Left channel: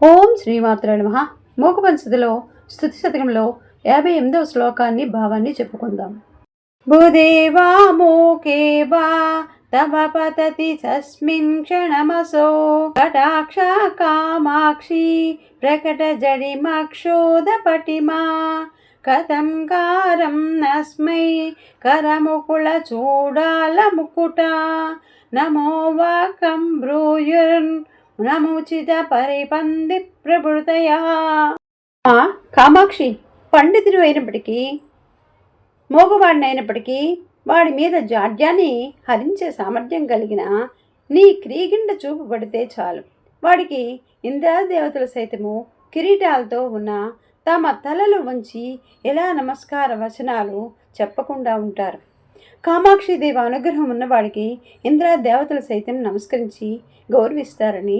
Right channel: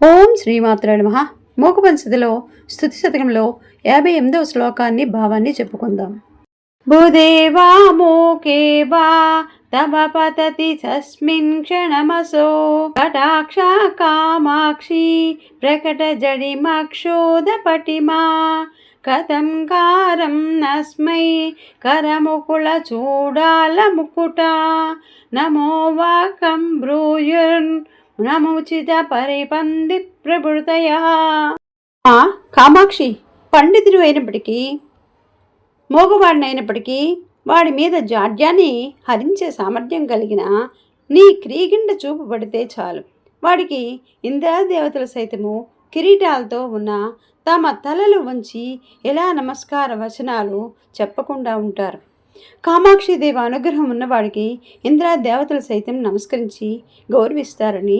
ఓం శ్రీమాత్ర నమ. మూకపంచదిలో స్థుతి శతకంలో యాభై ఎనిమిదవ శ్లోకాన్ని భావాన్ని చెప్పుకుందాం. భూదేవా మోకే వా తవ పతతి తస్మిన్ క్షణమసో కటాక్ష కామాక్షి ప్రకట జడిమక్షోద పటిమా కథం కారం నస్మై కరముకుల చూడాల ముకుట నమో వాకం బ్రూయుర్న్ నమోచిత పరిపంది ప్రభృతయ ఆ కామాక్షి పండితుడు అయినప్పటికీ మోగవాడినైనప్పటికీ వాడి మీద జాడ్యాన్ని హరించే సామర్థ్యం కలిగిన నీ క్రీగిండ చూపు పడితే చాలు. వాడికి ఇంద్రాదేవతలు సైతము కిరీటాలతో ఉన్న తమ తలలు వంచి ఎలా నమస్కార వచనాలు చెప్పకుండా ఉంటారు? కామాక్షిదేవ అనుగ్రహం ఉన్నవాడికి ఇంద్రాదేవతలు సైతం నమస్కరించి గౌరవిస్తారని